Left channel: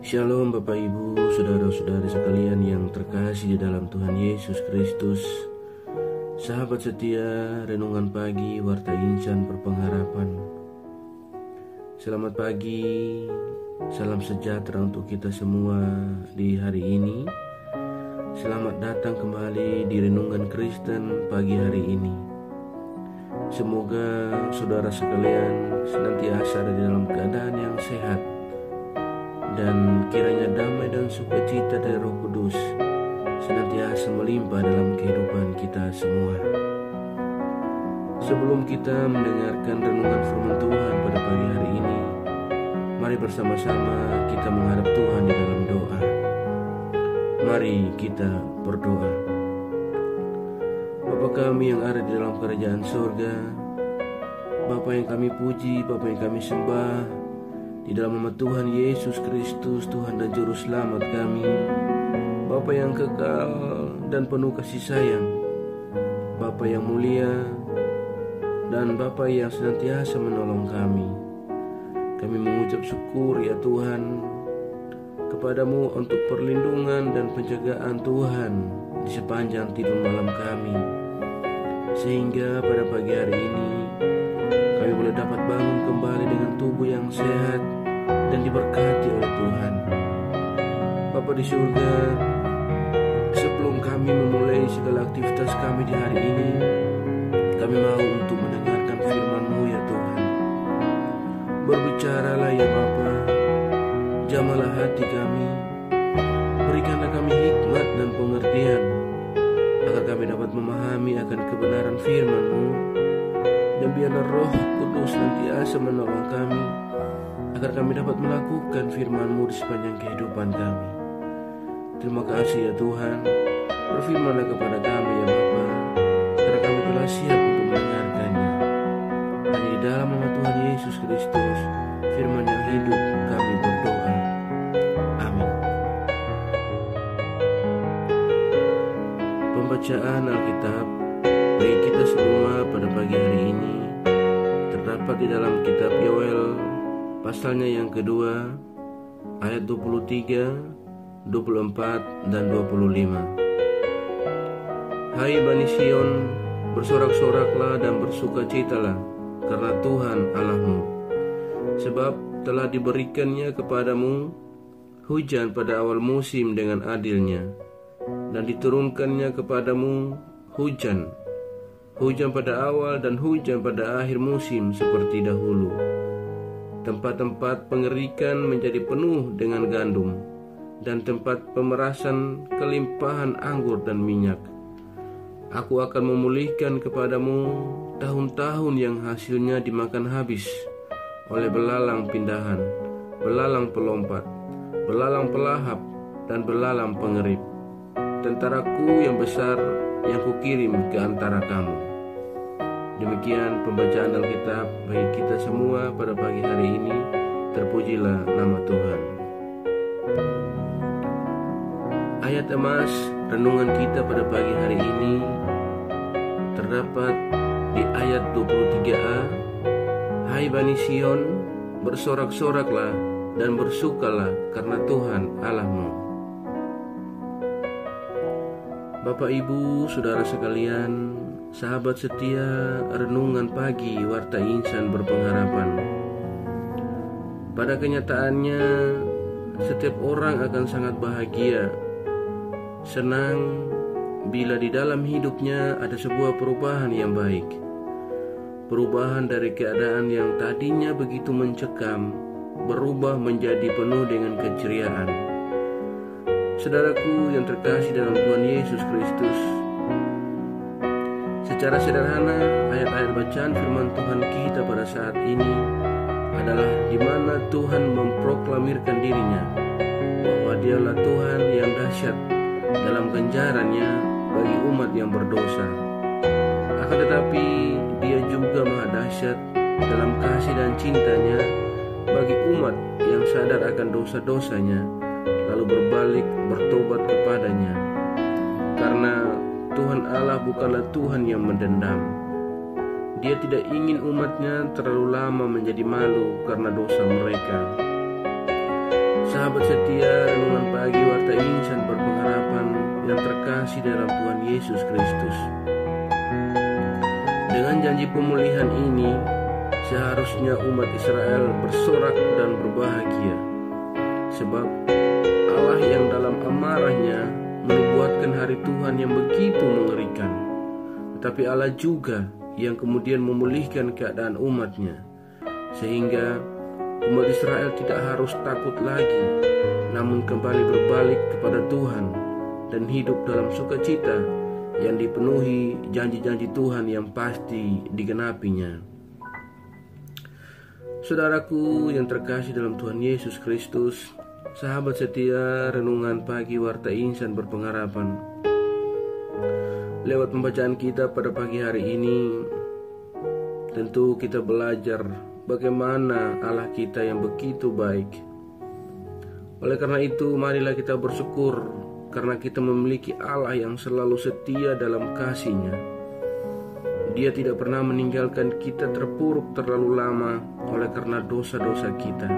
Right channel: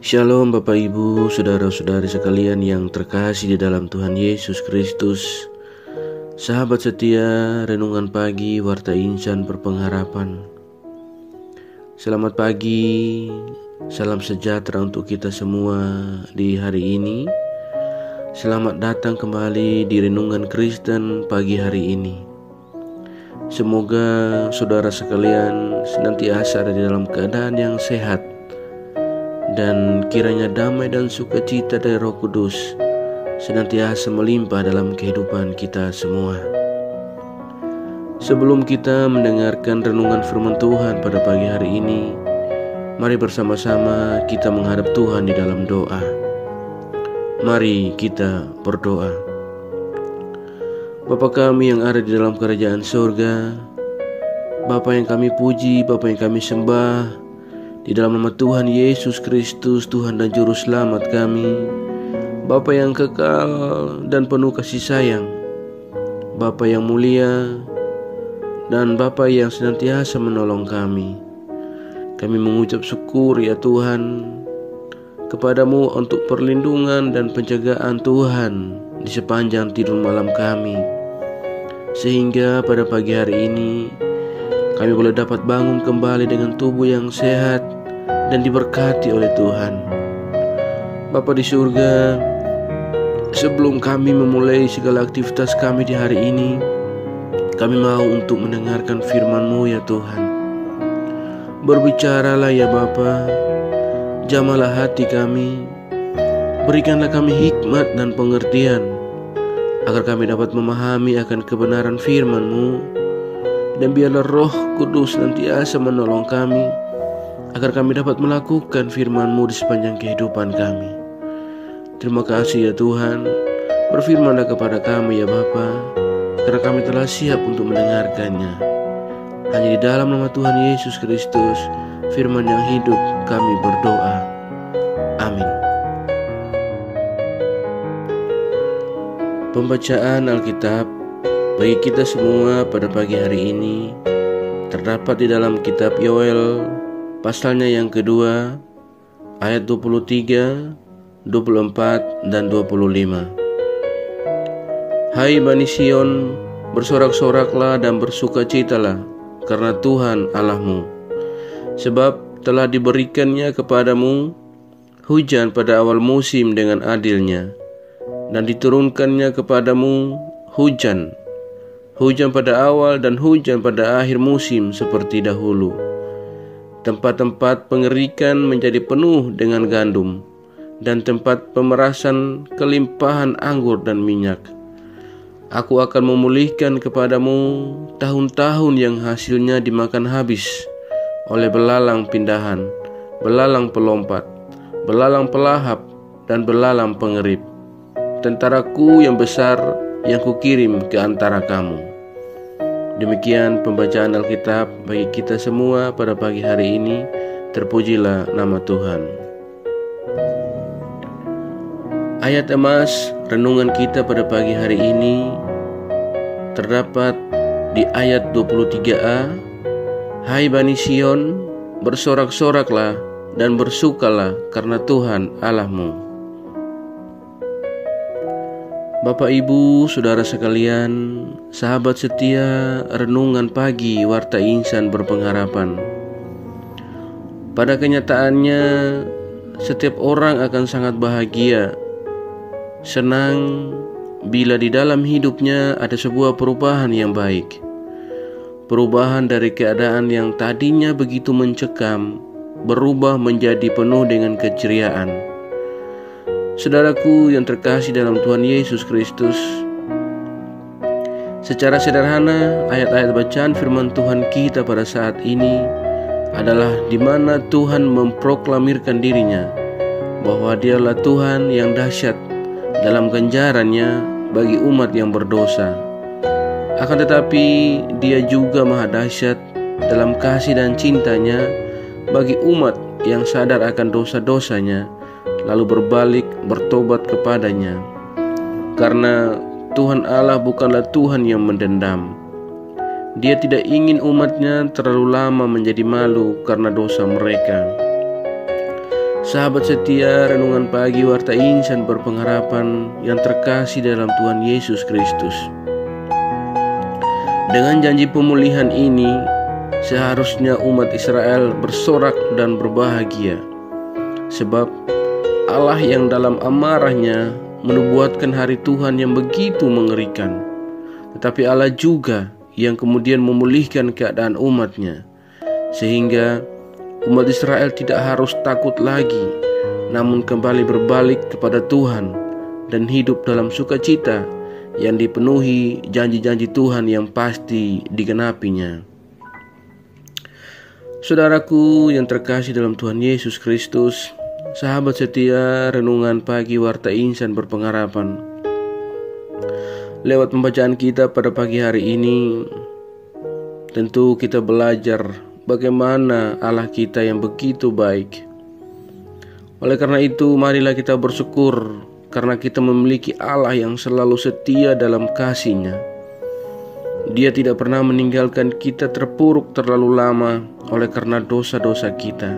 Shalom Bapak Ibu, saudara-saudari sekalian yang terkasih di dalam Tuhan Yesus Kristus. Sahabat setia, renungan pagi Warta Insan Berpengharapan. Selamat pagi, salam sejahtera untuk kita semua di hari ini. Selamat datang kembali di Renungan Kristen pagi hari ini. Semoga saudara sekalian senantiasa ada di dalam keadaan yang sehat, dan kiranya damai dan sukacita dari Roh Kudus senantiasa melimpah dalam kehidupan kita semua. Sebelum kita mendengarkan renungan firman Tuhan pada pagi hari ini, mari bersama-sama kita menghadap Tuhan di dalam doa. Mari kita berdoa. Bapa kami yang ada di dalam kerajaan surga, Bapa yang kami puji, Bapa yang kami sembah, di dalam nama Tuhan Yesus Kristus, Tuhan dan Juru Selamat kami, Bapa yang kekal dan penuh kasih sayang, Bapa yang mulia, dan Bapa yang senantiasa menolong kami. Kami mengucap syukur ya Tuhan kepadamu untuk perlindungan dan penjagaan Tuhan di sepanjang tidur malam kami, sehingga pada pagi hari ini kami boleh dapat bangun kembali dengan tubuh yang sehat dan diberkati oleh Tuhan. Bapa di surga, sebelum kami memulai segala aktivitas kami di hari ini, kami mau untuk mendengarkan firman-Mu ya Tuhan. Berbicaralah ya Bapa, jamalah hati kami, berikanlah kami hikmat dan pengertian, agar kami dapat memahami akan kebenaran firman-Mu, dan biarlah Roh Kudus senantiasa menolong kami, agar kami dapat melakukan firman-Mu di sepanjang kehidupan kami. Terima kasih ya Tuhan, berfirmanlah kepada kami ya Bapa, karena kami telah siap untuk mendengarkannya. Hanya di dalam nama Tuhan Yesus Kristus, firman yang hidup, kami berdoa. Amin. Pembacaan Alkitab bagi kita semua pada pagi hari ini terdapat di dalam kitab Yoel pasalnya yang kedua, ayat 23, 24, dan 25. Hai Bani Sion, bersorak-soraklah dan bersukacitalah karena Tuhan Allahmu, sebab telah diberikannya kepadamu hujan pada awal musim dengan adilnya, dan diturunkannya kepadamu hujan pada awal dan hujan pada akhir musim seperti dahulu. Tempat-tempat pengerikan menjadi penuh dengan gandum, dan tempat pemerasan kelimpahan anggur dan minyak. Aku akan memulihkan kepadamu tahun-tahun yang hasilnya dimakan habis oleh belalang pindahan, belalang pelompat, belalang pelahap, dan belalang pengerip, tentaraku yang besar yang kukirim ke antara kamu. Demikian pembacaan Alkitab bagi kita semua pada pagi hari ini. Terpujilah nama Tuhan. Ayat emas renungan kita pada pagi hari ini terdapat di ayat 23a. Hai Bani Sion, bersorak-soraklah dan bersukalah karena Tuhan Allahmu. Bapak Ibu, saudara sekalian, sahabat setia renungan pagi Warta Insan Berpengharapan. Pada kenyataannya, setiap orang akan sangat bahagia, senang bila di dalam hidupnya ada sebuah perubahan yang baik. Perubahan dari keadaan yang tadinya begitu mencekam berubah menjadi penuh dengan keceriaan. Saudaraku yang terkasih dalam Tuhan Yesus Kristus, secara sederhana ayat-ayat bacaan firman Tuhan kita pada saat ini adalah di mana Tuhan memproklamirkan dirinya bahwa Dialah Tuhan yang dahsyat dalam ganjarannya bagi umat yang berdosa. Akan tetapi Dia juga maha dahsyat dalam kasih dan cintanya bagi umat yang sadar akan dosa-dosanya, lalu berbalik bertobat kepadanya. Karena Tuhan Allah bukanlah Tuhan yang mendendam. Dia tidak ingin umatnya terlalu lama menjadi malu karena dosa mereka. Sahabat setia Renungan Pagi Warta Insan Berpengharapan yang terkasih dalam Tuhan Yesus Kristus. Dengan janji pemulihan ini, seharusnya umat Israel bersorak dan berbahagia. Sebab Allah yang dalam amarahnya menubuatkan hari Tuhan yang begitu mengerikan. Tetapi Allah juga yang kemudian memulihkan keadaan umatnya, sehingga umat Israel tidak harus takut lagi, namun kembali berbalik kepada Tuhan dan hidup dalam sukacita yang dipenuhi janji-janji Tuhan yang pasti digenapinya. Saudaraku yang terkasih dalam Tuhan Yesus Kristus, sahabat setia Renungan Pagi Warta Insan Berpengharapan. Lewat pembacaan kita pada pagi hari ini, tentu kita belajar bagaimana Allah kita yang begitu baik. Oleh karena itu, marilah kita bersyukur karena kita memiliki Allah yang selalu setia dalam kasih-Nya. Dia tidak pernah meninggalkan kita terpuruk terlalu lama oleh karena dosa-dosa kita,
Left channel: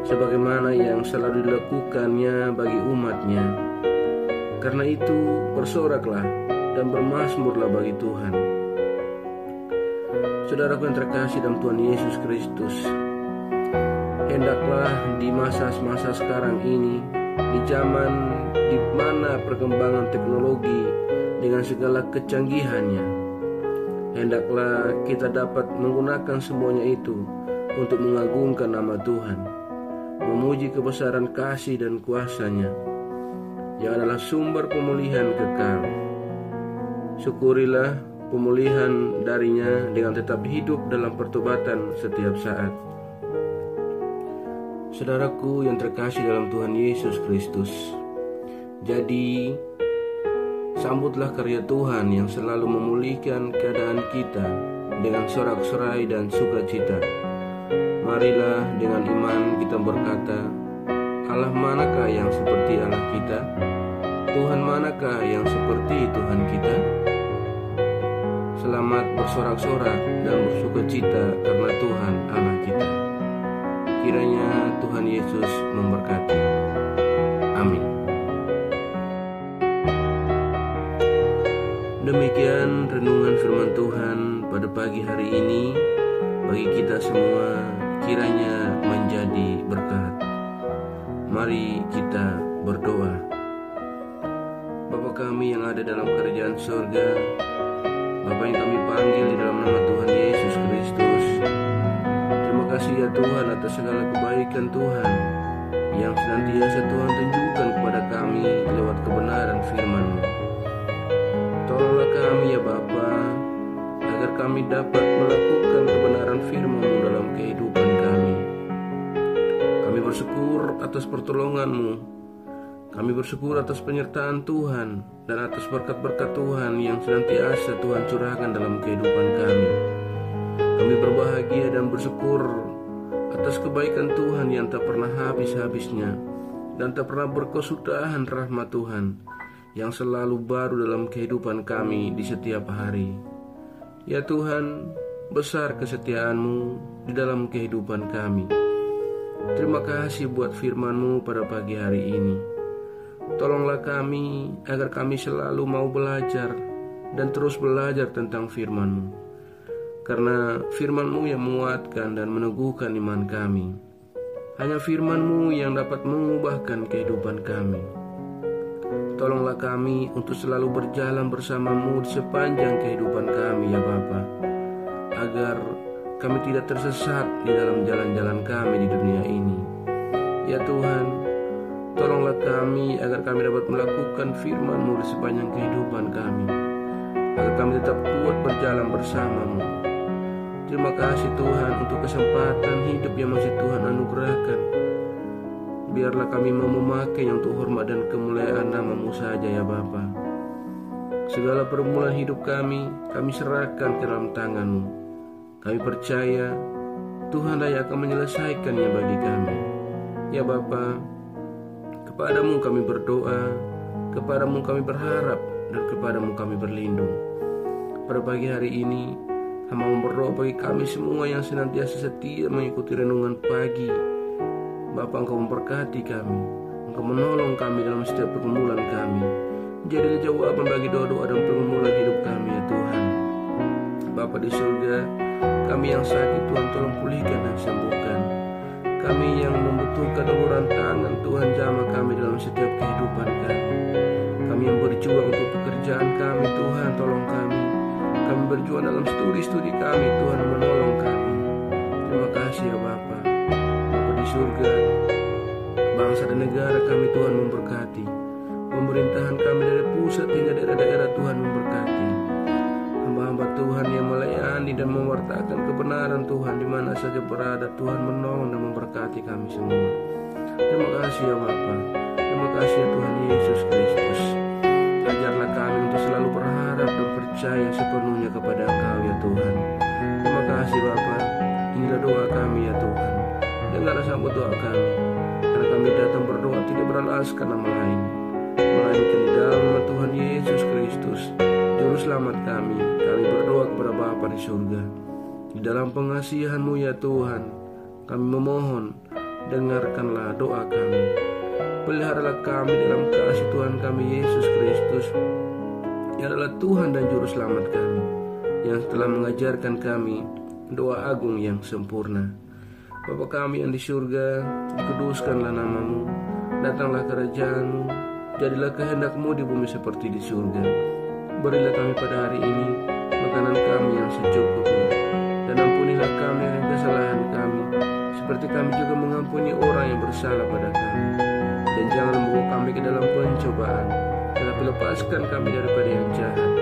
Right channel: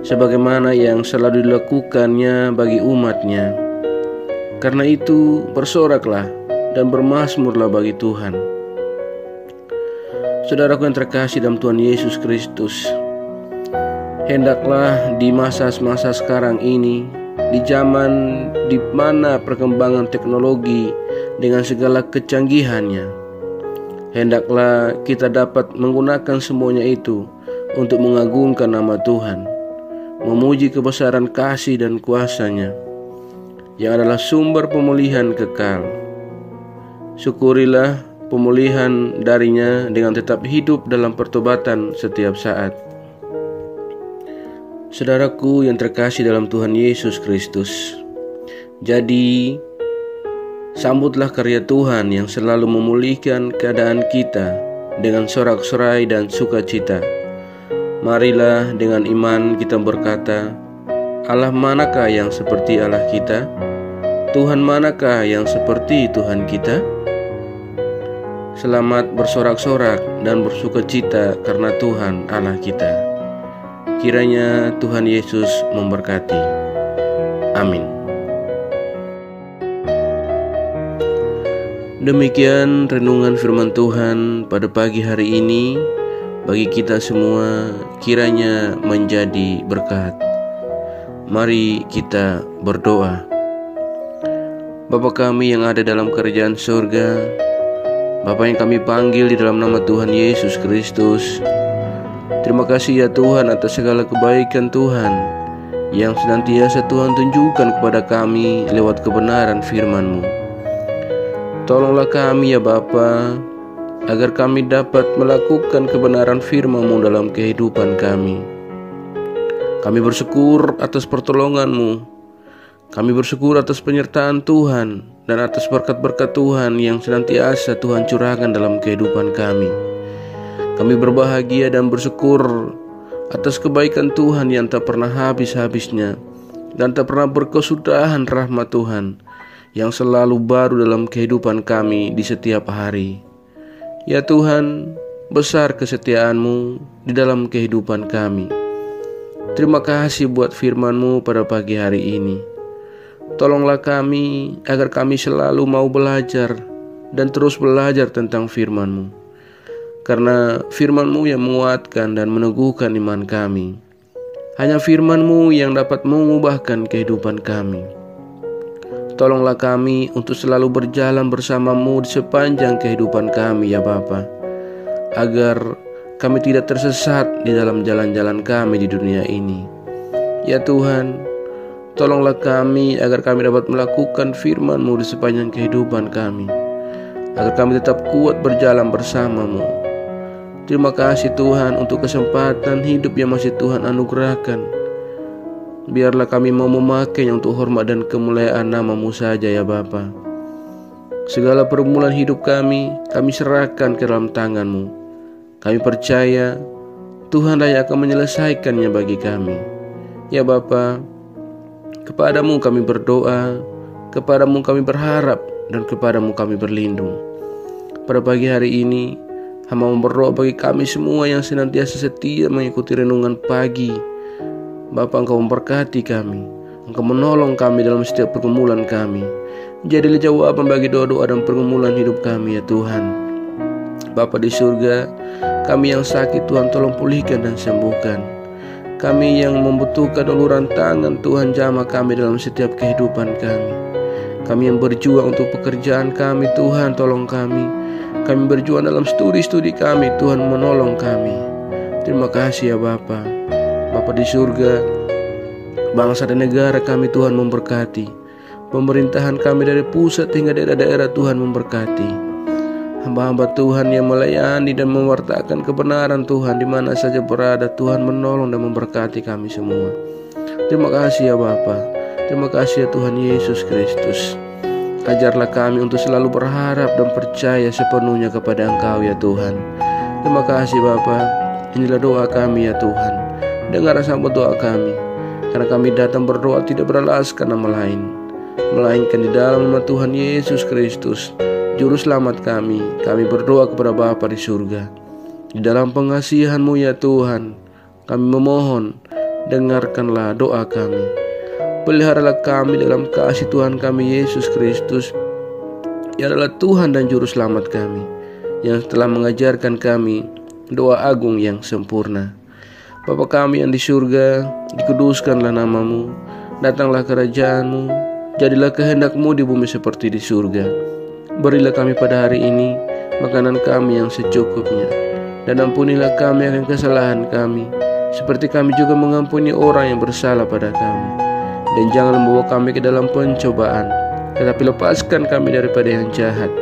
sebagaimana yang selalu dilakukannya bagi umat-Nya. Karena itu, bersoraklah dan bermazmurlah bagi Tuhan. Saudaraku yang terkasih dalam Tuhan Yesus Kristus, hendaklah di masa-masa sekarang ini, di zaman di mana perkembangan teknologi dengan segala kecanggihannya, hendaklah kita dapat menggunakan semuanya itu untuk mengagungkan nama Tuhan, memuji kebesaran kasih dan kuasa-Nya yang adalah sumber pemulihan kekal. Syukurilah pemulihan darinya dengan tetap hidup dalam pertobatan setiap saat. Saudaraku yang terkasih dalam Tuhan Yesus Kristus, jadi sambutlah karya Tuhan yang selalu memulihkan keadaan kita dengan sorak-sorai dan sukacita. Marilah dengan iman kita berkata, Allah manakah yang seperti Allah kita? Tuhan manakah yang seperti Tuhan kita? Selamat bersorak-sorak dan bersukacita karena Tuhan Allah kita. Kiranya Tuhan Yesus memberkati. Amin. Demikian renungan firman Tuhan pada pagi hari ini bagi kita semua, kiranya menjadi berkat. Mari kita berdoa. Bapa kami yang ada dalam kerajaan surga, Bapa yang kami panggil di dalam nama Tuhan Yesus Kristus, terima kasih ya Tuhan atas segala kebaikan Tuhan yang senantiasa Tuhan tunjukkan kepada kami lewat kebenaran firman-Mu. Tolonglah kami ya Bapa, agar kami dapat melakukan kebenaran firman-Mu dalam kehidupan kami. Kami bersyukur atas pertolongan-Mu. Kami bersyukur atas penyertaan Tuhan dan atas berkat-berkat Tuhan yang senantiasa Tuhan curahkan dalam kehidupan kami. Kami berbahagia dan bersyukur atas kebaikan Tuhan yang tak pernah habis-habisnya dan tak pernah berkesudahan rahmat Tuhan yang selalu baru dalam kehidupan kami di setiap hari. Ya Tuhan, besar kesetiaan-Mu di dalam kehidupan kami. Terima kasih buat firman-Mu pada pagi hari ini. Tolonglah kami agar kami selalu mau belajar dan terus belajar tentang firman-Mu, karena firman-Mu yang menguatkan dan meneguhkan iman kami. Hanya firman-Mu yang dapat mengubahkan kehidupan kami. Tolonglah kami untuk selalu berjalan bersama-Mu di sepanjang kehidupan kami ya Bapa, agar kami tidak tersesat di dalam jalan-jalan kami di dunia ini. Ya Tuhan, tolonglah kami agar kami dapat melakukan firman-Mu di sepanjang kehidupan kami, agar kami tetap kuat berjalan bersama-Mu. Terima kasih Tuhan untuk kesempatan hidup yang masih Tuhan anugerahkan. Biarlah kami mau memakainya untuk hormat dan kemuliaan nama-Mu saja ya Bapa. Segala pergumulan hidup kami serahkan ke dalam tangan-Mu. Kami percaya Tuhan yang akan menyelesaikannya bagi kami. Ya Bapa, kepadamu kami berdoa, kepadamu kami berharap, dan kepadamu kami berlindung. Pada pagi hari ini, hamba berdoa bagi kami semua yang senantiasa setia mengikuti renungan pagi Bapa, Engkau memberkati kami, Engkau menolong kami dalam setiap pergumulan kami. Jadilah jawaban bagi doa-doa dan pergumulan hidup kami ya Tuhan. Bapa di surga, kami yang sakit Tuhan tolong pulihkan dan sembuhkan. Kami yang membutuhkan uluran tangan Tuhan, jamah kami dalam setiap kehidupan kami. Kami yang berjuang untuk pekerjaan kami Tuhan, tolong kami. Kami berjuang dalam studi kami Tuhan, menolong kami. Terima kasih ya Bapa. Bapa di surga, bangsa dan negara kami Tuhan memberkati. Pemerintahan kami dari pusat hingga daerah-daerah Tuhan memberkati. Hamba-hamba Tuhan yang melayani dan mewartakan kebenaran Tuhan di mana saja berada, Tuhan menolong dan memberkati kami semua. Terima kasih ya Bapa. Terima kasih ya Tuhan Yesus Kristus. Ajarlah kami untuk selalu berharap dan percaya sepenuhnya kepada Engkau ya Tuhan. Terima kasih Bapa. Inilah doa kami ya Tuhan. Dengar sambut doa kami. Karena kami datang berdoa tidak beralaskan nama lain, melainkan di dalam nama Tuhan Yesus Kristus, Juru Selamat kami. Kami berdoa kepada Bapa di surga. Di dalam pengasihan-Mu ya Tuhan, kami memohon, dengarkanlah doa kami. Peliharalah kami dalam kasih Tuhan kami Yesus Kristus, yang adalah Tuhan dan Juru Selamat kami, yang telah mengajarkan kami doa agung yang sempurna. Bapa kami yang di surga, dikuduskanlah nama-Mu, datanglah kerajaan-Mu, jadilah kehendak-Mu di bumi seperti di surga. Berilah kami pada hari ini makanan kami yang secukupnya, dan ampunilah kami akan kesalahan kami, seperti kami juga mengampuni orang yang bersalah pada kami. Dan jangan membawa kami ke dalam pencobaan, tetapi lepaskan kami daripada yang jahat.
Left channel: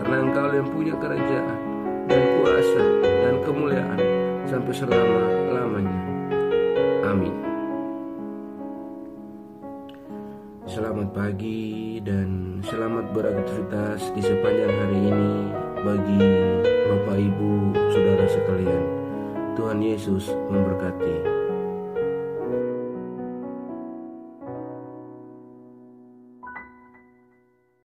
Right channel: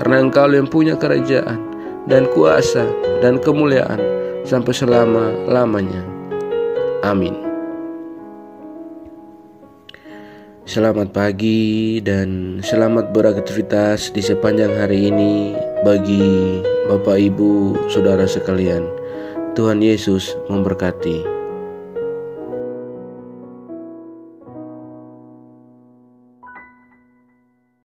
Karena Engkau yang punya kerajaan dan kuasa dan kemuliaan sampai selama-lamanya. Amin. Selamat pagi dan selamat beraktivitas di sepanjang hari ini bagi Bapak Ibu Saudara sekalian. Tuhan Yesus memberkati.